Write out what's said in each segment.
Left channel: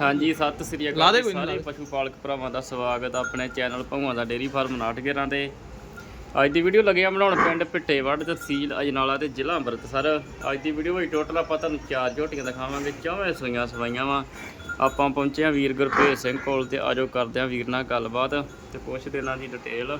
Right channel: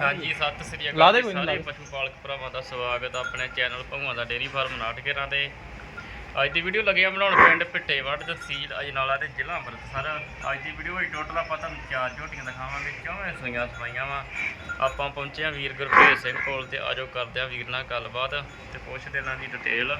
ਹਾਂਜੀ ਸਤਿ ਸ੍ਰੀ ਅਕਾਲ ਲਾ ਦੇ ਕੋਈ ਨੀ, ਲਾ ਸਾਰੇ ਦੇ। ਪਸ਼ੂ ਪਾਲਕ ਭਰਾਵਾਂ ਦਾ ਸਵਾਗਤ ਆ ਆਪਣੇ ਚੈਨਲ ਭੌਵਾਂ ਦਾ ਡੇਰੀ ਫਾਰਮ ਨਾਟਕੇਰਾਂ ਤੇ। ਅੱਜ ਦੀ ਵੀਡੀਓ ਲੱਗੇ ਆ ਬਣਾਉਣ ਪਿੰਡ ਪਿੱਟੇਵੜ ਤਹਿਸੀਲ ਅਜਨਾਲਾ ਤੇ ਜ਼ਿਲ੍ਹਾ ਅੰਮ੍ਰਿਤਸਰ। ਅੱਜ ਦੀ ਵੀਡੀਓ ਵਿੱਚ ਟੋਟਲ ਆਪਾਂ ਤੁਹਾਨੂੰ ਚਾਰ ਝੋਟੀਆਂ ਦਿਖਾਵਾਂਗੇ ਚੌਵੇਂ ਸੂਈਆਂ ਸਵਾਈਆਂ ਵਾ। ਆਪਾਂ ਪਹੁੰਚੇ ਆ ਵੀਰ ਗੁਰਪ੍ਰੀਤ ਸਿੰਘ ਕੋਲ ਤੇ ਆਜੋ ਕਰਦੇ ਆ ਵੀਰ ਨਾਲ ਗੱਲਬਾਤ ਤੇ ਪੁੱਛਦੇ ਇਹਨਾਂ ਦੀ ਡਿਟੇਲ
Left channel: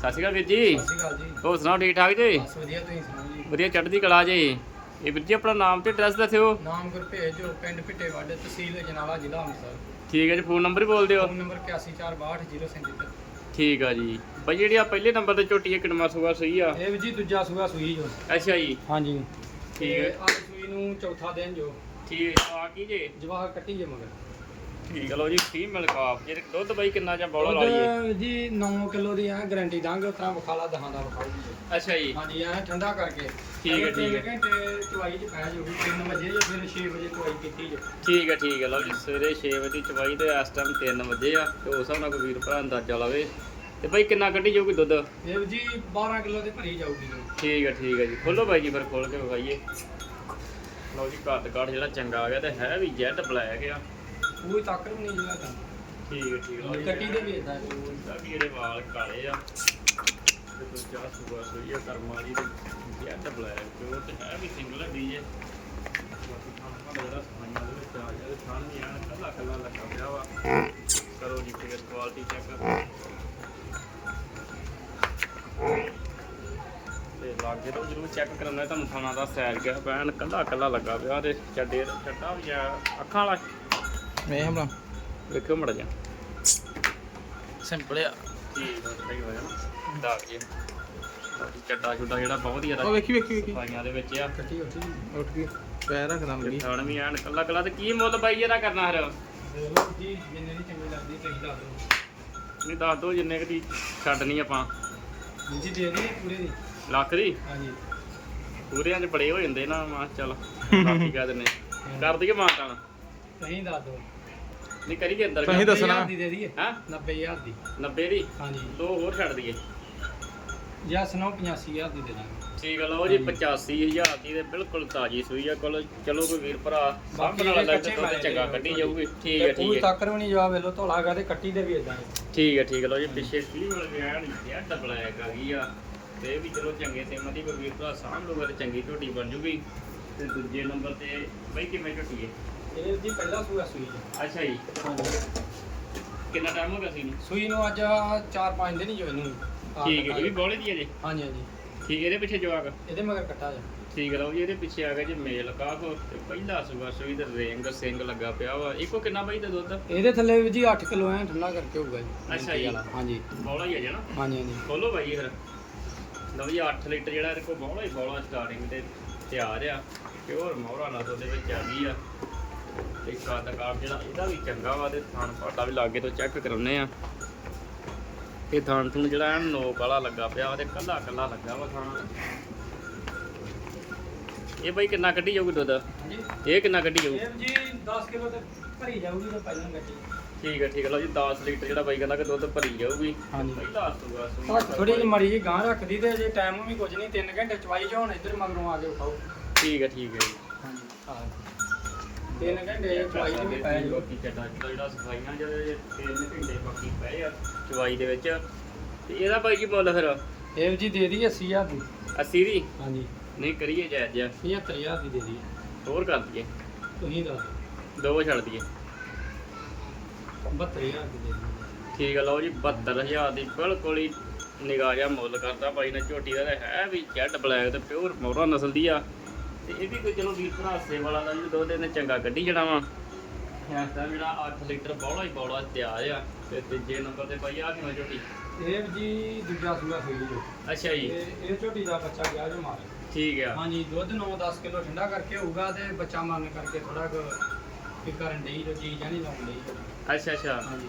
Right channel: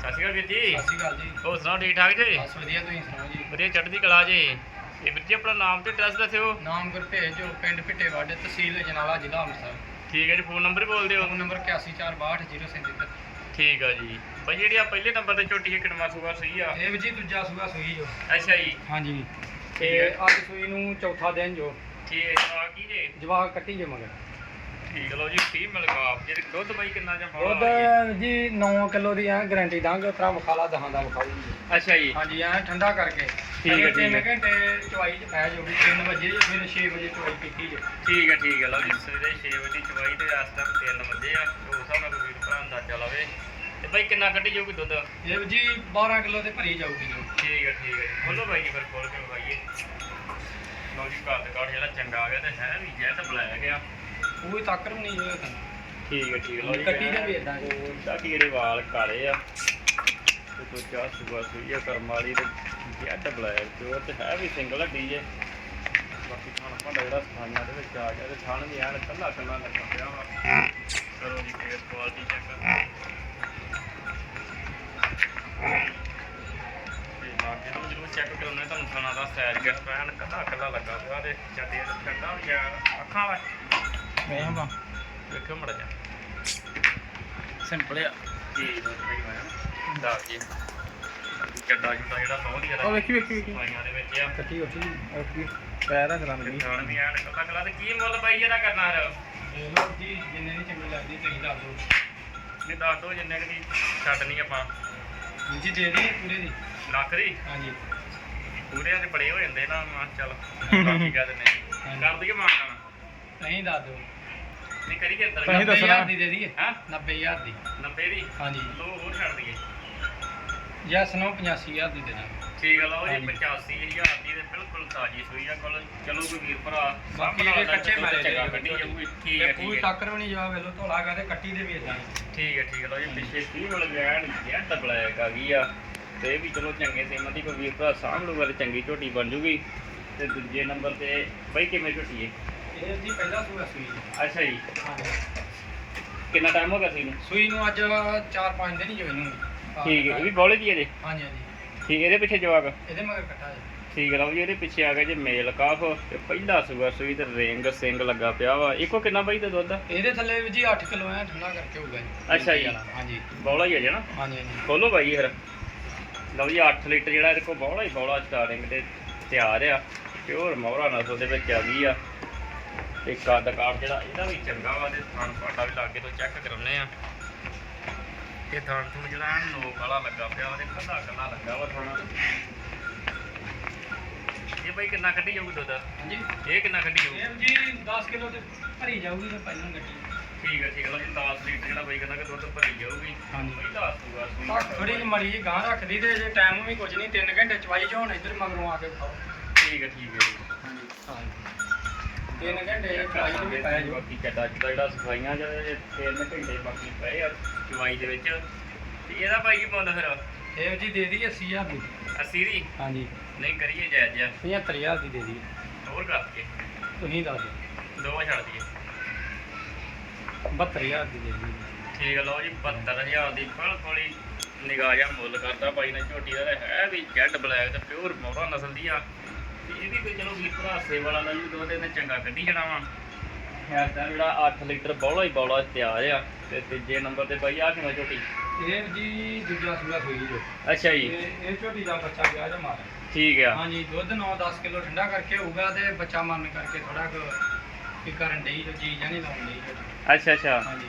ਸਤਿ ਸ਼੍ਰੀ ਅਕਾਲ ਵੀਰ ਜੀ। ਸਤਿ ਸ਼੍ਰੀ ਅਕਾਲ ਜੀ। ਹੋਰ ਸੁਣਾਓ ਠੀਕ ਠਾਕ ਜੀ? ਬਸ ਵਧੀਆ ਤੁਸੀਂ ਸੁਣਾਓ ਜੀ? ਵਧੀਆ ਚੜ੍ਹਦੀ ਕਲਾ ਜੀ? ਇਹ ਵੀਰ ਜੀ ਆਪਣਾ ਨਾਮ ਤੇ ਐਡਰੈਸ ਦੱਸਿਓ। ਨਾਮ ਗੁਰਭੇਜ ਜੋ ਪਿੰਡ ਪਿੱਟੇਵਾੜੇ ਤਹਿਸੀਲ ਜਨਾਲਾ ਜ਼ਿਲ੍ਹਾ ਅੰਮ੍ਰਿਤਸਰ। ਠੀਕ ਹੈ ਜੀ ਫੋਨ ਨੰਬਰ ਹੀ ਬੋਲ ਦਿਓ। ਫੋਨ ਨੰਬਰ 81462037 ਠੀਕ ਆ ਜੀ। ਭਾਈ ਜਿਹੜੀ ਆ ਪਹਿਲੇ ਨੰਬਰ ਤੇ ਝੋਟੀ ਹੈ ਕਿੰਨਾ ਸੂਆ ਸਹੀ ਆ? ਇਹ ਵੀ ਜੀ ਦੂਜਾ ਸੂਆ ਸੂਈ ਜੋ। ਅੱਛਾ ਜੀ। ਹਾਂਜੀ। ਠੀਕ ਤੇ ਅੱਜ ਸੂਈ ਨੂੰ ਚੌਥਾ ਦਿਨ ਜੋ। ਠੀਕ ਹੈ ਆ ਕੀ ਜੇ? ਜਵਾਕ ਕੱਟੀ ਜੇ ਮਗਰ। ਠੀਕ ਲਓ ਜੀ ਫੀਮੇਲ ਕਾਫ ਜਿਹੜੇ ਦੁੱਧ ਬਾਈ ਕਿੰਨਾ ਜਾਂ ਬੋਲਾ ਵਾਲੀ ਹੈ ਦੁੱਧ ਜੀ 9 ਕਿਲੋ ਦੀ ਆ ਗਾਰੰਟੀ ਦਾਂਗੇ ਉਤਰਾ ਵਿਖਾਲਾ ਦਹਾਂ ਦਾ ਵਿਖਾਊ ਅੱਛਾ ਜੀ। ਹਾਂਜੀ ਐ ਠੰਡਾ ਕਰਕੇ। ਠੀਕ ਹੈ, ਅਜੇ ਠੀਕ ਹੈ। ਤਿੰਨ ਘੰਟੇ ਚਵਾਈ ਚ ਪੈ ਜਾਊਗੀ 3 ਵਜੇ ਜਾਂ ਫਿਰ 6 ਵਜੇ ਚਵਾਈ ਕੀਤੀ ਜੋ। ਠੀਕ ਹੈ ਠੀਕ ਹੈ ਲਓ ਜੀ ਸਵੇਰੇ 6 ਵਜੇ ਦੀ ਚਵਾਈ ਤੇ ਇਸ ਟਾਈਮ 3 ਵਜੇ ਆ ਤੇ ਉਸ ਹਿਸਾਬ ਨਾਲ ਕੋਈ ਵੀਰ ਭਰਾ ਅੰਦਾਜ਼ਾ ਲਾਵੇ। ਤੇ ਬਾਈ ਕਿੰਨਾ ਕੱਢੀ ਜਾਊਗੀ ਦੁੱਧ? ਇਹ ਵੀ ਜੀ 12 ਕਿਲੋ ਤੇ ਭਰੀ ਜਾਊਗੀ ਜੋ। ਠੀਕ ਹੈ ਠੀਕ ਹੈ ਜੀ। ਖੋਲੋ ਬਾਈ ਜੀ ਫਿਰ ਖੋਲ ਕੇ ਵਿਖਾਈਏ। ਲਓ ਜੀ ਕੱਦ ਕਾਠ ਜਿਹੜਾ ਚੰਗਾ ਆ ਗਿਆ ਤੇ ਹੈ ਵੀ ਜੈਟ ਬਲੈਕ ਆ। ਕੋਈ ਤਾਕਰ ਵੀ ਨਹੀਂ ਜਿਹੜਾ ਤਾਂ। ਠੀਕ ਹੈ ਠੀਕ ਹੈ। ਜੀ ਕੱਟੀ ਦੇ ਵੀ ਇਦਾਂ ਜੋ ਬਾਕੀ ਜਿਹੜੇ ਵਾਲ ਕਾਲੇ ਆ ਤੇ ਕੋਈ ਚਾਹ ਸੁਬਾ ਸੋਈ ਆ ਕਰਮ ਵਾਲੀ ਤੇ ਜੈਟ ਬਲੈਕ ਤੇ ਉਹ ਤੇ ਹੈ ਵੀ ਸਿੰਗਲ ਆ ਡੀਜੇ ਬਾਕੀ ਖਾਣਾ ਭਾਂਡਾ ਜਿਹੜਾ ਸਫਾਈਆਂ ਦੇ ਵਿੱਚ ਆ ਗਿਆ ਤੇ ਥਣ ਵੀ ਐਨ ਕੱਲਾ ਕੱਲਾ ਲੱਗਾ ਪਿਆ ਵਾ। ਕਰੋ ਜੀ ਫੇਰ ਕੁਆਲਿਟੀ ਚੈੱਕ ਤੇ ਲਾਗੇ ਤੋਂ ਜਿਹਨੂੰ ਚੈੱਕ ਕਰਾਉਣਾ ਤੁਹਾਨੂੰ ਖਾਣਾ ਦਾ ਸਾਈਜ਼ ਕਿਸ ਪੈਣ ਕੱਲਾ ਕੱਲਾ ਲੱਗਾ ਪਿਆ ਤੇ ਚੱਡੇ ਚੱਡਾ ਵੀ ਆ ਅੱਖਾਂ ਵਾਲਾ ਵੇਖ ਬਾ ਵੇਖਿਓ ਮੜਾ ਜਾ ਸਿੰਪਲ ਆ ਕੀ ਸਹੀ ਹੋਇਆ ਨਾ ਦਾ ਜੀ ਚੱਡਾ ਚੁੱਡਾ ਜਿਹੜਾ ਬਹੁਤ ਹੀ ਉਹ ਜ਼ਿਆਦਾ ਵੇਖੀ ਵੇਖੀ ਵੇਖੀ ਸਫਾਈਆਂ ਦੇ ਵਿੱਚ ਆ ਕੱਟੀ ਉੱਠੀ ਉੱਠ ਗਈ ਪੈਰ ਰੱਖਦਾ ਤੇ ਮੇਰੀ ਖਾਣ ਵੀ ਐਨ ਕੱਲਾ ਕੱਲਾ ਤੇ ਕੀ ਮੁੱਲ ਪਾਈ ਇਹਦਾ ਕਰਨਾ ਹੈ ਦੇਖ ਲਓ ਜੀ ਜਿੰਨੇ ਦੀ ਚੰਗੀ ਲੱਗਦੀ ਤੁਸੀਂ ਦੱਸ ਦਿਓ ਨਹੀਂ ਦੱਸ ਦੋ ਜਿੰਨੇ ਕੁ ਦੀ ਛੱਡਣੀ ਆਪਾਂ ਜੀ ਦੇ ਦੀ ਪੂਰੇ ਦੀ ਲੱਖ ਦੀ ਹਾਂਜੀ ਪੂਰਿਆਂ ਦੇ ਬੜੇ ਹੋ ਜਾਂਦੇ ਨਾ ਮਾ ਚੱਲ ਦਿੰਦੇ। ਕਰ ਦਈਏ ਤੁਸੀਂ ਦੱਸ ਦਿਓ ਨਹੀਂ ਕਰੀਏ ਅੰਦਰ ਤੁਸੀਂ ਦੱਸਣਾ। 90000 ਦੀ ਦੇ ਦਈਏ। ਹਾਂ। 90000 ਦੀ। 90 ਦੀ? ਹਾਂਜੀ। ਦੋ ਹੋਰ ਛੱਡ ਦਈਏ। ਜੈਸ ਨੂੰ 85000 ਦੀ ਦੇ ਦਾਂਗੇ। ਠੀਕ ਆ ਲਓ ਜੀ ਹਾਂਜੀ। 85000 ਦੀ ਤੇ ਬਿਲਕੁਲ ਤਾਜੀ ਸੂਈ ਆ। ਕੋਲ ਚਲੋ ਕੋਈ ਵੀਰ ਭਰਾ ਬਾਕੀ ਸਾਹਮਣੇ ਵਾਲਾ ਕੱਚੇ ਦੁੱਧ ਚੰਗਾ ਕੱਢੀ ਜਾਊਗੀ। ਠੀਕ ਹੈ ਕੋਈ ਠੀਕ ਹੈ ਤਾਕਰ ਵੀ ਨਹੀਂ ਜਵਾਬ ਵੇਲੋ ਧੋਲਾ ਤੇ ਕੱਟੀ ਦੇ ਵੀ ਇਦਾਂ ਠੀਕ ਹੈ ਠੀਕ ਹੈ ਲਓ ਜੀ ਪਿੱਛੇ ਕੀ ਵਾਲਾ ਜੈਨ ਜੈਟ ਬਲੈਕ ਆ ਗਈ ਆ। ਤੇ ਇਹ ਵੀ ਚਲੋ ਚੰਗੇ ਸੇਮਾਂ ਦੀ ਕੋਈ ਵੀਰ ਭਰਾ ਸਾਂਭ ਲੂਗਾ ਤੇ ਚੰਗੀ ਝੋਟੀ ਬਣ ਜੂਗੀ। ਤੇ ਦੂਜੇ ਨੰਬਰ ਤੇ ਬਈ ਕਿਵੇਂ ਝੋਟੀ ਹੈ ਇਹ ਦੀ ਪਹਿਲਾ ਸੂਆ ਸੂਈ ਜੀ। ਅੱਛਾ ਜੀ। ਹਾਂਜੀ। ਕਿੰਨਾ ਟਾਈਮ ਹੋ ਗਿਆ ਸੀ ਨੂੰ? ਸੂਈ ਨੂੰ ਅੱਜ 4-5 ਦਿਨ ਹੀ ਹੋਏ ਨੂੰ। ਠੀਕ ਹੈ ਇਹ ਵੀ ਬੋਲੇ ਦੀ ਹੈ ਜੀ। ਹਾਂਜੀ ਹਾਂਜੀ। ਠੀਕ ਇਹਦੇ ਪਿੱਛੇ ਜਵਾਕ ਇਹਦੇ ਮਗਰ ਕੱਟਾ ਜੀ। ਠੀਕ ਲਓ ਜੀ ਇਹਦੇ ਪਿੱਛੇ ਆ ਗਿਆ ਜੀ ਮੇਲ ਕਾਫ ਤੇ ਪਹਿਲਾ ਸੂਆ ਸੂਈ ਤੇ ਰਿੰਗ ਸਿੰਘ ਲੱਗਾ ਪਿਆ ਵਾ। ਇੱਕੋ ਕਿੰਨਾ ਬਈ ਤੇ ਦੁੱਧ? ਇਹਦੇ ਥੱਲੇ ਵੀ ਜੀ 8 ਕਿਲੋ ਐ ਠੰਡਾ ਕਰਕੇ ਹੋਊਗਾ ਜੀ। ਅੱਛਾ ਜੀ। ਹਾਂਜੀ। ਬੋਲਾ ਹੀ ਹੈ ਜੀ ਨਾ ਹਾਂਜੀ ਹਾਂਜੀ। ਖੋਲੋ ਬਾਈ ਫਿਰ। ਲਓ ਜੀ 8 ਲੀਟਰ ਜਿਹੜਾ ਇਹਦੇ ਕੋਲ ਬੋਲਾ ਹੀ ਬੋਲਾ ਸਟਾਰਟਿੰਗ ਤੇ ਤਿਆਰ ਆ। ਪਿਓਰ ਮੋਹਰਾ ਨਸਲ ਦੇ ਵਿੱਚ ਆ ਗਈ ਆ। ਤੇ ਕੱਦ ਕਾਠ ਜਿਹੜਾ ਇਹਦਾ ਵੀ ਚੰਗਾ ਵਾ ਤੇ ਥਣ ਪਾਟਾ ਵੀ ਲਾਗੇ ਤੋਂ ਚੈੱਕ ਕਰਾਉਨੇ ਆ। ਇਹ ਥਣ ਥਣ ਜਿਹੜਾ ਨੋਕ ਵਾਲਾ ਲੱਗਾ ਪਿਆ ਤੇ ਕੱਲਾ ਕੱਲਾ ਲੱਗਾ ਵਾ ਥਾਣਾ ਇਹ ਬਈ ਕਿੰਨਾ ਕੱਢੀ ਜਾਊਗੀ ਦੁੱਧ? ਹਾਂਜੀ। ਇਹ ਕਿੰਨਾ ਕੱਢੀ ਜਾਊ ਇਹ ਜੀ 10 ਕਿਲੋ ਤੇ ਭਰੀ ਜਾਊਗੀ ਤੇ ਪਹਿਲਾਂ ਗੱਡੀ ਠੀਕ ਹੈ ਠੀਕ ਹੈ ਲਓ ਜੀ 10 ਲੀਟਰ ਜਿਹੜਾ ਬਾਈ ਕਹਿੰਦਾ ਕਿ ਦੁੱਧ ਭਰੀ ਜਾਊਗੀ। ਹਾਂਜੀ। ਪਹਿਲਾ ਸੂਆ ਥੋੜੀ ਜਿਹੀ ਮੜੀ ਜੀ ਗਾਂ ਰੱਖਦੀ ਤੇ ਜੇ ਟਾਈਮ ਵੀ ਕੁਝ ਨਹੀਂ 3 ਘੰਟੇ ਚਵਾਈ ਜੋ ਹੁਣ ਇੱਧਰ ਮਗਰੋਂ ਆ ਕੇ ਉਠਾਓ ਠੀਕ ਹੈ ਠੀਕ ਹੈ ਜੀ ਹਾਂਜੀ 3 ਘੰਟੇ ਚਵਾਈ ਚ ਵੀ ਪੈ ਜਾਓ ਬਾਕੀ ਚੱਡਾ ਚੱਡਾ ਜਿਹੜਾ ਸਫਾਈਆਂ ਜਿਹਦੇ ਤਿੰਨ ਘੰਟੇ ਬਾਕੀ ਪਏ ਆ ਚਵਾਈ ਦੇ ਵਿੱਚ। ਤੇ ਇਹਦਾ ਭਾਈ ਕੀ ਮੁੱਲ ਫਿਰ? ਇਹ ਜੀ ਦੇ ਦਈਏ 80000 ਦੀ। 80 ਦੀ? ਹਾਂਜੀ। ਨਹੀਂ ਕਰੀਏ ਜਾਇਜ਼ ਜਿਹਾ। 75000 ਦੀ ਦੇ ਦਈਏ। ਹੋਰ ਕਰ ਦਈਏ। ਤੁਸੀਂ ਦੱਸ ਦੋ ਛੱਡ ਦਈਏ। ਦਿਓ 72000 ਦੀ ਦੇ ਦਈਏ। ਠੀਕ ਹੈ ਲਓ ਜੀ 72000 ਦੀ ਬਿਲਕੁਲ ਹੀ ਨਿਗਾਹ ਮੁੱਲ ਕਰਦਾ ਬਾਈ ਨੇ ਝੋਟੀ ਦਾ ਤੇ ਹੈ ਵੀ ਜੈਟ ਬਲੈਕ ਤੇ ਪਿਓਰ ਮੋਹਰਾ ਨਸਲ ਦੀ ਆ। ਤੇ ਇਹ ਵੀ ਕੋਈ ਚਲੋ ਵੀਰ ਭਰਾ ਸੇ ਵਾਲਾ ਨਾਲ ਵੀ ਦੋ ਦਿਨ ਚੰਗਾ ਕੱਢੀ ਜਾਣਾ ਵਾ ਇਸ ਟਾਈਮ ਜਿਹੜਾ 8 ਲੀਟਰ ਬੌਲਾ ਹੀ ਬੌਲਾ ਤਿਆਰ ਆ ਤੇ ਤੀਜੇ ਨੰਬਰ ਤੇ ਬਾਈ ਆ ਕਿਵੇਂ ਝੋਟੀ? ਇਹ ਜੀ ਦੂਜਾ ਸੂਆ ਹੋਈ ਜੋ। ਅੱਛਾ ਜੀ। ਇਹ ਇਹ ਝੋਟੀ ਦਾ ਬੱਚਾ ਗਿਆ ਜੋ ਮਾਰ ਠੀਕ ਆ। ਹਾਂਜੀ ਦੁੱਧ 9-10 ਕਿਲੋ ਠੰਡਾ ਕਰਕੇ ਹੋਊਗਾ ਤੇ ਬੱਚਾ ਮਰਨ ਕਰਕੇ ਥੋੜਾ ਕੁ ਵੀ ਕਰਨ ਡਈ ਜੋ ਚੀਜ਼ ਨਹੀਂ ਲਾਉਣ ਡਈ। ਅੱਛਾ ਅੱਛਾ। ਹਾਂਜੀ।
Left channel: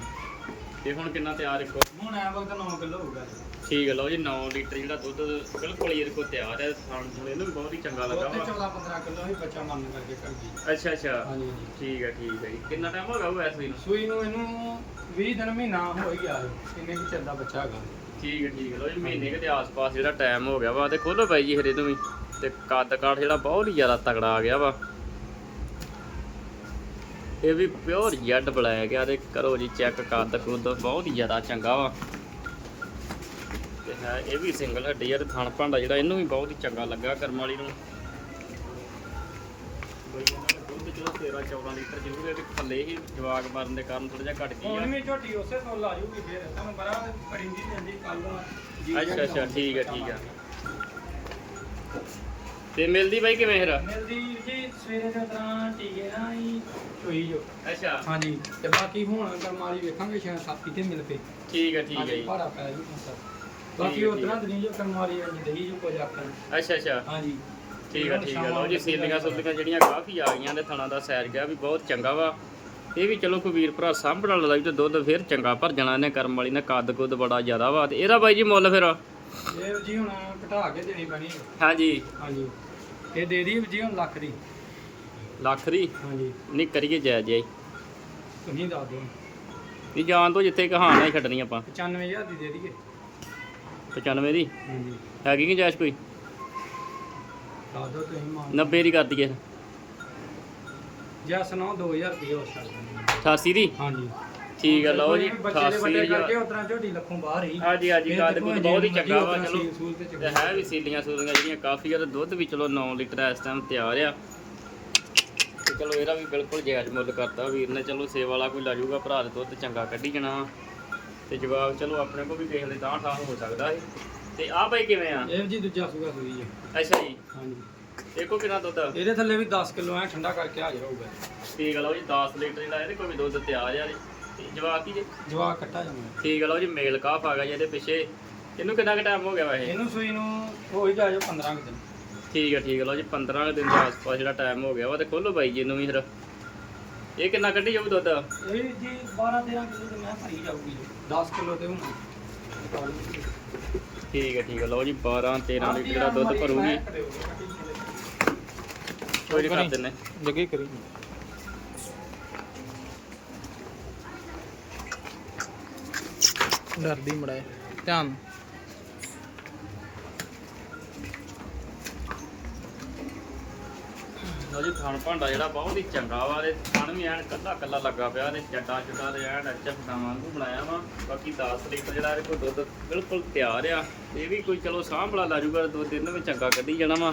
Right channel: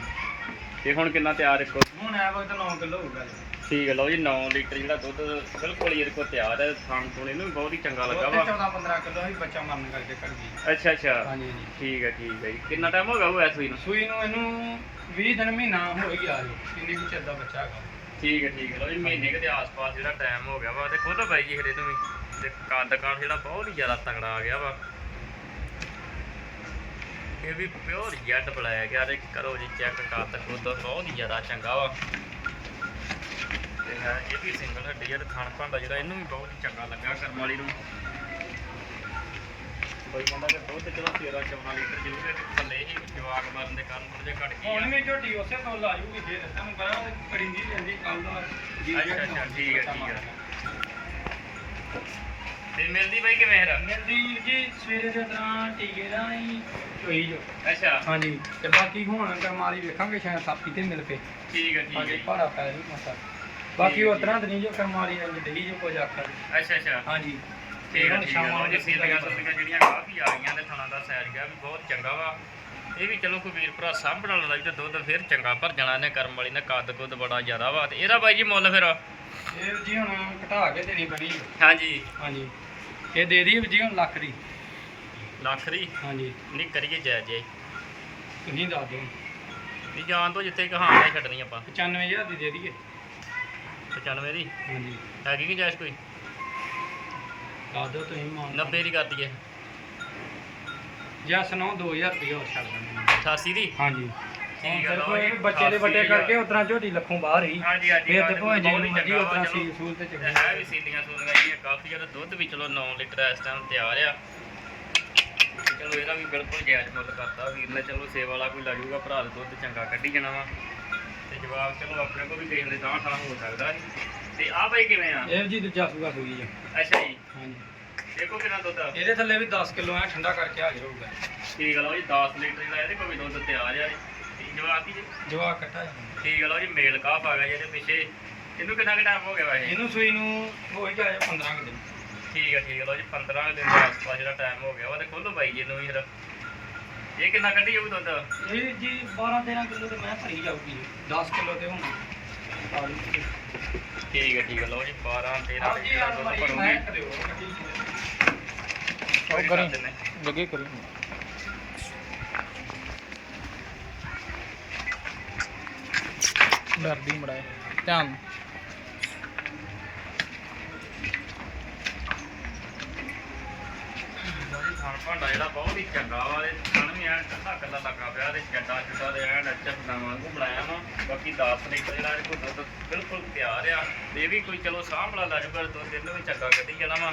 ਤੇ ਹੁਣ ਕਿੰਨਾ ਤਿਆਰ ਇੱਕੋ ਹੁਣ ਐ ਵਕਤ 9 ਕਿਲੋ ਹੋਊਗਾ ਜੀ। ਠੀਕ ਹੈ ਲਓ ਜੀ 9 ਲੀਟਰ ਜਿਹੜਾ ਦੁੱਧ ਬਿਲਕੁਲ ਹੀ ਇਹਦੇ ਕੋਲ ਤਿਆਰ ਹੈ ਖਾਣ ਤੋਂ ਇਹਨੂੰ ਵੀ ਬਹੁਤ ਹੀ ਚੰਗਾ ਲੱਗਾ ਵਾ। 14-15 ਕਿਲੋ ਹੀ ਬੱਚਾ ਮਰਨ ਕਰਕੇ ਕਰ ਗਈ ਅੱਛਾ ਅੱਛਾ। ਹਾਂਜੀ ਹਾਂਜੀ। ਠੀਕ ਹੈ ਠੀਕ ਹੈ ਜੀ। ਕਿੰਨਾ ਟਾਈਮ ਹੋ ਗਿਆ ਉਹ ਐਸ ਨੂੰ? ਸੂਈ ਨੂੰ ਇਹਨੂੰ 20 ਦਿਨ ਮਹੀਨਾ ਹੋ ਹੀ ਗਿਆ ਜੀ ਕਿੰਨੇ ਕੁ ਚਿਰ ਦਾ ਬੱਚਾ ਹੈਗਾ। ਠੀਕ ਹੈ ਠੀਕ ਹੈ ਲਓ ਜੀ ਮਹੀਨੇ ਕੁ ਦੇ ਆਸ-ਪਾਸ ਜਿਹੜਾ ਟਾਈਮ ਹੋ ਗਿਆ ਵਾ ਤੇ ਖੋਲੋ ਬਾਈ ਜੀ ਫਿਰ ਇਹਨੂੰ ਵੀ। ਤੇ ਕੱਦ ਕਾਠ ਜਿਹੜਾ ਬਹੁਤ ਹੀ ਜ਼ਿਆਦਾ ਤਗੜਾ ਆ ਗਿਆ ਵਾ। ਇਹ ਵੀ ਪਿਓਰ ਜੈਡ ਬੁਲਾਇਆ ਗਿਆ ਤੇ ਕਰੋ ਜੀ ਚੈੱਕ ਕਰ ਕੁੰਦ ਬਹੁਤ ਹੀ ਜ਼ਿਆਦਾ ਚੰਗਾ ਵਾ। ਹੈ ਇਹ ਵੀ ਸਿੰਗਲ ਹੱਡੀ ਆ ਤੇ ਖਾਣ ਭਾਂਡਾ ਜਿਹੜਾ ਇਹਨੂੰ ਵੀ ਬਹੁਤ ਹੀ ਚੰਗਾ ਲੱਗਾ ਕਰਮ ਵਾਲੀ ਨੂੰ। ਬਈ ਕਹਿੰਦਾ ਕਿ ਦੁੱਧ ਚਲੋ 13 14 ਲੀਟਰ ਜ਼ਰੂਰ ਇਹ ਥੱਲੇ ਹੀ ਜਵਾਗ ਮਾਰਨ ਦੇ ਕਾਰਨ ਥੋੜਾ ਜਿਹਾ ਘਟ ਹੁਣ ਗਿਆ ਵੀ ਝੋਟੀ ਉਸੇ ਤੋਂ ਲਾ ਜੂਗੀ ਫੇਰ ਤੁਹਾਨੂੰ ਪਤਾ ਪਰਿੰਦੀ ਜਾਂਦੀ ਕੱਲ ਦਾ ਅੱਛਾ ਅੱਛਾ ਠੀਕ ਹੈ ਠੀਕ ਹੈ ਤੇ ਮਿਲਦੀ ਬਾਈ ਕਿਵੇਂ ਫਿਰ? ਮਿਲਦੀ ਜੀ ਸਵੇਰੇ ਦੇ ਤਾਂ ਟੀਕੇ ਦਾ ਹੀ ਹੋਈ ਜੋ। ਅੱਛਾ। ਹਾਂਜੀ ਤੇ ਬਾਕੀ ਹੁਣ ਕਰਮਾਲੀ ਵੇਖਾਂਗੇ ਸ਼ਾਇਦ ਸਾਪੀ ਤੇ ਮਿਲ ਕੇ। ਠੀਕ ਹੈ ਠੀਕ ਹੈ ਭਾੜਾ ਪੈ ਜੂ ਮਸਾ ਬਾਕੀ ਉਹ ਤਰ੍ਹਾਂ ਨਹੀਂ ਜੋ ਕਰਮਾਲੀ ਆ ਜਿਹੀ ਜੋ ਕੁਝ ਆਖਣ। ਅੱਛਾ ਅੱਛਾ। ਹਾਂਜੀ। ਠੀਕ ਹੈ ਹੁਣ ਠੀਕ ਲਓ ਜੀ ਨੂੰ ਸੀਲੀਆਂ ਸੁਲੀਆਂ ਜਿਹੜੀਆਂ ਕਾਫੀ ਆ ਗਈਆਂ ਨੇ ਥਣਾ ਦਾ ਸੈਰ ਗਿਆ ਵੀ ਬਹੁਤ ਚੰਗਾ ਵਾ। ਇਹ ਵੀ ਚਲੋ ਕੋਈ ਵੀਰ ਭਰਾ ਸਾਂਭਣ ਵਾਲਾ ਵੀ ਤੇ ਦੁੱਧ ਫਿਰ ਚੰਗਾ ਭਰ ਜਾਣਾ ਇਹਨੇ ਕਰਮ ਵਾਲੀ ਨੇ ਕੱਦ ਕੁੱਦ ਬੜਾ ਜ਼ਿਆਦਾ ਵਾ। ਤੇ ਇਹਦਾ ਬਾਈ ਜੀ ਮੁੱਲ ਫਿਰ? ਇਹ ਜੀ ਹੁਣ ਘਟਾ ਕੇ ਦੇਣੀ ਪੈਣੀ। ਹਾਂਜੀ। ਹਾਂਜੀ। ਇਹ ਦੇ ਦੀ ਜੀ ਹੁਣ ਲੱਖ ਦੀ। ਲੱਖ ਦੀ? ਹਾਂਜੀ। ਨਹੀਂ ਕਰੀਏ ਜਾਇਜ਼ ਜਾਈ ਤੁਸੀਂ ਦੱਸ ਦਿਓ। ਵੀ ਜਾਣ ਤੋਂ ਜਿੱਥੇ ਕਹਾਣੀਆਂ ਛੱਡਣੀ ਆਪਾਂ। 95000 ਦੀ ਦੇ ਦਈਏ। 95 ਦੀ? ਹਾਂਜੀ। ਹੈਗੀ ਕਿ ਜਾਇਜ਼ ਕੋਈ? ਦੱਸ ਦਿਓ ਤੁਸੀਂ ਮਾਨ। 90 ਦੀ ਕਰ ਦਈਏ। ਜਾਂ ਸੁਣਾਓ 2000 ਰੁਪਏ ਛੱਡ ਦਾਂਗੇ 88 ਦੀ? ਹਾਂਜੀ। ਠੀਕ ਹੈ ਲਓ ਜੀ ਬੱਚੇ ਦੇ ਵੱਡੇ 88 ਕਰਕੇ ਉਤਰਾ ਝੋਟੀ ਲੱਖੋਂ ਬਾਹਰ ਹੀ। ਹਾਂਜੀ ਹਾਂਜੀ ਫਿਰ ਕੁੱਦ ਜੇ ਬਹੁਤ ਹੀ ਚੰਗਾ ਉਤਰਾ ਵਾ ਸੀਲ ਚਲੋ। ਸੂਲ ਤੇ ਤੇ ਚੰਗਾ ਹੈ ਵੀ ਸੀਲੀਆਂ ਸੂਲੀਆਂ ਜਿਹੜੀਆਂ ਕਾਫੀ ਜ਼ਿਆਦਾ ਦੁੱਧ ਵੀ ਚਲੋ 9 ਲੀਟਰ ਇਸ ਟਾਈਮ ਤਿਆਰ ਆ। ਤੇ ਚਲੋ ਇਹਦਾ ਵੀ ਬਿਲਕੁਲ ਜਾਇਜ਼ ਮੁੱਲ ਕਰਤਾ ਵੀਰ ਨੇ। ਚਲੋ ਸੇਵਾ ਵਾਲਾ ਕੋਈ ਲਾ ਜੂਗਾ ਭਰਾ ਦਾ ਦੁੱਧ ਚੰਗਾ ਕੱਢੀ ਜਾਣਾ। ਵਾ। ਤੇ ਜਵਾਬ ਚਲੋ ਆਪਣੇ ਕੋਲ ਵੀ ਦੇਖ ਲੈ ਤਾਂ ਤਾਂ ਹੋ ਸਕਦਾ ਹੈ ਤੇ ਆਹ ਭਾਈ ਕਿਵੇਂ ਆ? ਇਹ ਜੀ ਦੂਜਾ ਸੂਗਾ ਸੂਈ ਜੀ ਅੱਛਾ ਜੀ। ਹਾਂਜੀ। ਦੇਖੋ ਕਿੰਨਾ ਦੁੱਧ ਆ। ਇਹਦੇ ਥੱਲੇ ਵੀ 10 ਕਿਲੋ ਐ ਠੰਡਾ ਕਰਕੇ ਹਾਜ਼ਰ ਹੋਊਗਾ ਠੀਕ ਆ ਲਓ ਜੀ 10 ਲੀਟਰ ਜਿਹੜਾ ਇਹਦੇ ਕੋਲ ਵੀ ਦੁੱਧ ਤਿਆਰ ਆ ਤੇ ਜਵਾਬ ਕੀ ਜੀ? ਜਵਾਕ ਕੱਟਾ ਜਾਂਦਾ ਠੀਕ ਆ ਲਓ ਜੀ ਮੇਲ ਕਾਫ ਆ ਗਿਆ ਜੀ ਇਹਦੇ ਪਿੱਛੇ। ਇਹਨੂੰ ਕਿੰਨਾ ਕੁ ਟਾਈਮ ਹੋ ਗਿਆ ਵੈਸੇ? ਇਹਨੂੰ ਸੂਈ ਨੂੰ ਹੋਈ ਜੋ 15 ਕੁ ਦਿਨ। ਠੀਕ ਹੈ ਠੀਕ ਹੈ ਲਓ ਜੀ 15 ਕੁ ਦਿਨ ਦਾ ਆਸ-ਪਾਸ ਜਿਹੜਾ ਟਾਈਮ ਹੋ ਗਿਆ ਵਾ ਤੇ ਖੋਲੋ ਬਾਈ ਜੀ ਇਹਨੂੰ ਵੀ ਫਿਰ। ਇਹ ਕਿੰਨਾ ਕੱਢੀ ਜਾਊ ਦੁੱਧ? ਇਹ ਜੀ 12 13 ਕਿਲੋ ਤੇ ਮੈਂ ਭਰੀ ਜਾਊਗੀ। ਜੀ 10 ਕਿਲੋ ਤੇ ਹੁਣ ਠੀਕ ਹੈ ਠੀਕ ਹੈ। ਲਓ ਜੀ 12 13 ਲੀਟਰ ਦਾ ਦੁੱਧ ਭਰੂਗੀ। ਕੋਈ ਨੀ ਕਰ ਦਿੰਨੇ ਲੱਗੇ ਕਰੀ। ਡਰਦੀ ਮੜਾ ਧਿਆਨ ਲਓ ਜੀ ਖਾਣ ਭਾਂਡਾ ਜਿਹੜਾ ਬਹੁਤ ਹੀ ਚੰਗਾ ਵਾ ਤੇ ਖਾਣ ਵੀ ਐਨ ਕੱਲਾ ਕੱਲਾ ਲੱਗਾ ਪਿਆ ਤੇ ਚੱਡਾ ਚੁੱਡਾ ਤੇ ਐਨ ਅੱਛਾ ਵਾਂਗੂ ਬਣਾਇਆ ਵਾ। ਬਾਕੀ 10 ਲੀਟਰ ਜਿਹੜਾ ਇਹਦੇ ਕੋਲ ਦੁੱਧ ਬਿਲਕੁਲ ਤਿਆਰ ਆ। ਤੇ ਇਹ ਵੀ ਕੋਈ ਚਲੋ ਸਾਂਭ ਬੜਾ ਲਾ ਜੂਗਾ ਦੁੱਧ ਇਹਨੂੰ ਵੀ ਚੰਗਾ ਕੱਢੀ ਜਾਣਾ ਵਾ।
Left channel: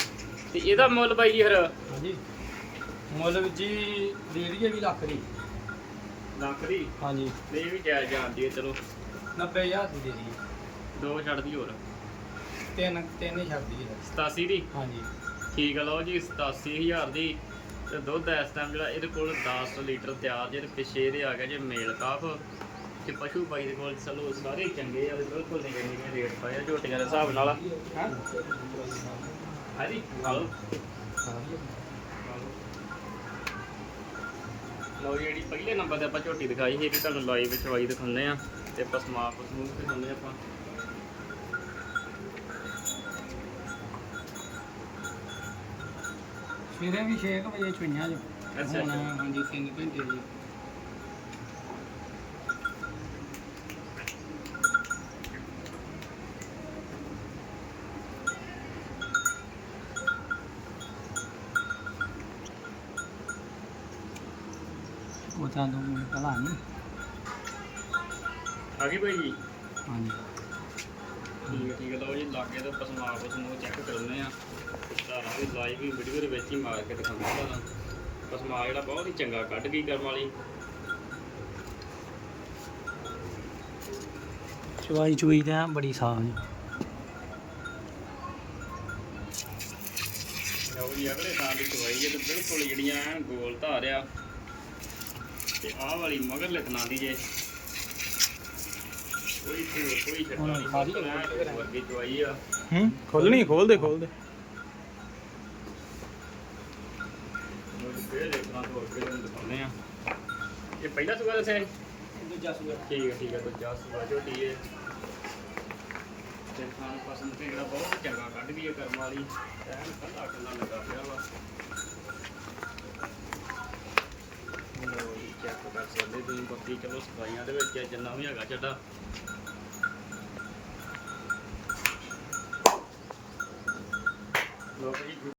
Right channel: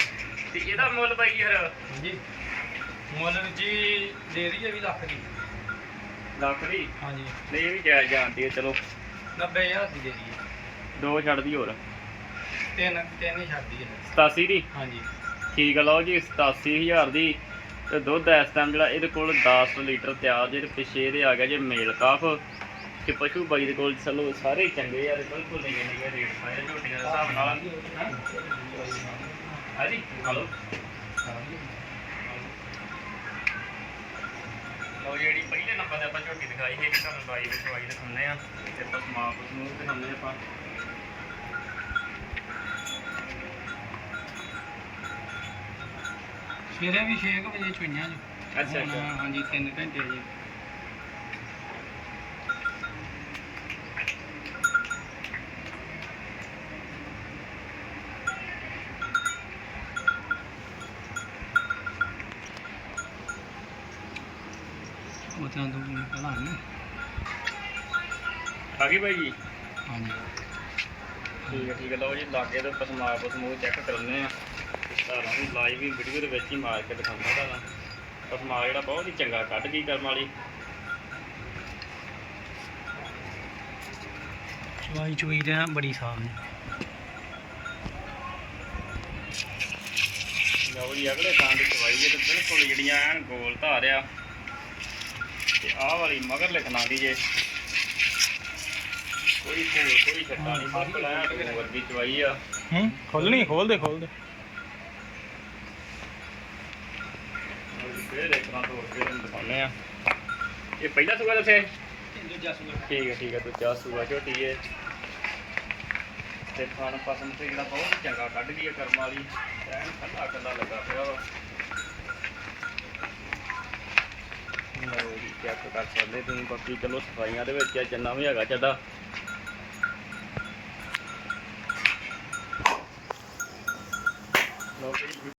ਤੇ ਇਹਦਾ ਮੁੱਲ ਬਾਈ ਜੀ ਫਿਰ? ਹਾਂਜੀ। ਮੁੱਲ ਜੀ ਦੇ ਦਈਏ ਵੀ ਲੱਖ ਦੀ। ਲੱਖ ਦੀ? ਹਾਂਜੀ। ਨਹੀਂ ਇਹ ਵੀ ਜਾਇਜ਼ ਜਾਂਦੀ ਹੈ ਚਲੋ। 90000 ਦੀ ਦੇ ਦਈਏ। ਦੋ ਛੱਡਦੀ ਹੋਰ। ਤਿੰਨ ਤਿੰਨ ਹੀ ਛੱਡ ਦਈਏ। 87 ਦੀ? ਹਾਂਜੀ। ਠੀਕ ਆ ਲਓ ਜੀ 87000 ਦੀ ਤੇ ਦੁੱਧ ਇਸ ਟਾਈਮ ਜਿਹੜਾ ਇਹਦੇ ਕੋਲ 10 ਲੀਟਰ ਤਿਆਰ ਜੇ ਤੇ ਪਿੱਛੇ ਇਹਦੇ ਆ ਗਿਆ ਜੇ ਮੇਲ ਕਾਫ। ਤੇ ਪਸ਼ੂ ਬਾਈ ਦੇ ਕੋਲ ਚਲੋ ਸਾਰੇ ਚੰਗੇ ਆ ਤੇ ਬਿਲਕੁਲ ਨਹੀਂ ਨਹੀਂ ਰੇਟ ਪਾਇਆ ਝੋਟੀਆਂ ਦੇ ਹਿਸਾਬ ਨਾਲ। ਹਾਂ? ਹਾਂਜੀ, ਹਲੋ। ਲਓ ਜਿਹੜੀ ਪਹਿਲੇ ਨੰਬਰ ਤੇ ਆਪਾਂ ਝੋਟੀ ਦਿਖਾਈ ਸੀ, ਇਹ ਤੁਹਾਨੂੰ ਲਾਈਵ ਚਵਾਈ ਦਿਖਾਉਂਦੇ ਆ। ਤੇ ਆਪਾਂ ਸਮਾਪ ਨੂੰ ਦਿਖਾਉਂਦੇ ਆਪਾਂ। ਸਵੇਰੇ ਵੀ 6 ਵਜੇ ਚੁਈਆਂ ਜੀ। ਅੱਛਾ, ਹੁਣ ਅੱਛਾ। ਹਾਂਜੀ 3 ਘੰਟੇ ਜੀ। ਉਹ ਤਾਂ ਦੋ ਮਿੰਟ ਪਹਿਲਾਂ ਨਹੀਂ ਆ ਗਈ ਭਾਈ ਜੀ? ਹਾਂਜੀ। ਠੀਕ ਹੈ ਠੀਕ ਹੈ। ਲਓ ਜੀ ਲਾਗੇ ਤੇ ਪਸਮਾਪ ਸਮੂਹ ਚੈੱਕ ਕਰਨੇ ਆ। ਤੁਹਾਨੂੰ ਲਾਈਵ ਵੀ ਵੀਡੀਓ ਦੇ ਵਿੱਚ ਹੀ ਮਾਰ ਕੇ ਦਿਖਾਉਂਦਾ ਤੁਹਾਨੂੰ ਪਸਮਾ ਜਿਹੜਾ ਬਹੁਤ ਹੀ ਚੰਗਾ ਕੱਢ ਗਈ ਕਰਮ ਵਾਲੀ। ਚਵਾਈ ਚੁਈ ਤੇ ਐਂ ਬੜੀ ਸਾਨ ਲਓ ਜੀ ਅਗਲੇ ਥਾਂ ਦੀ ਚਵਾਈ ਹੈ ਤੇ ਬਿਲਕੁਲ ਜਿਹੜੀਆਂ ਐਨ ਗੋਲ ਧਾਰ ਆ ਤੇ ਆਹ ਵਾਲੀ ਮਗਰ ਲਿਖਣਾ ਦੀ ਜੇ। ਕੋਈ ਕੋਈ ਛੱਟਾ ਨਹੀਂ ਵਰਗੀ ਚਵਾਈ ਆ। ਹੂੰ ਖੋਲਣੀ ਖੋਲ ਦੇ ਖੋਲ ਦੇ ਫੇਰ ਦੇਖਣਾ ਤੋਂ ਫੇਰ ਇਹਨੂੰ ਦਿਖਾਉਂਦੇ ਆ ਇਹ ਪਹਿਲਾ ਸੁਗਾ ਦੱਸਿਆ ਸੀ? ਦੂਜਾ ਸੂਆ। ਠੀਕ ਹੈ ਠੀਕ ਹੈ ਦੂਜਾ ਸੂਆ ਝੋਟੀ ਹੈ। ਤੇ ਖਾਣ ਪਸੰਦ ਤੇ ਜਿਹੜਾ ਬਹੁਤ ਚੰਗਾ ਕੱਢ ਗਈ ਹੈ ਕਰਮ ਵਾਲੀ। ਐਨ ਕੱਲਾ ਕੱਲਾ ਲੱਗਾ ਪਿਆ ਵਾ। ਲਓ ਜੀ ਚੈੱਕ ਕਰ ਸਕਦੇ ਤੁਸੀਂ ਬਾਕੀ ਚਲੋ ਸਫਾਈਆਂ ਦੇ ਵਿੱਚ ਜਿੰਨਾ ਵੀ ਹੈਗਾ ਚੱਡਾ। ਲਓ ਜੀ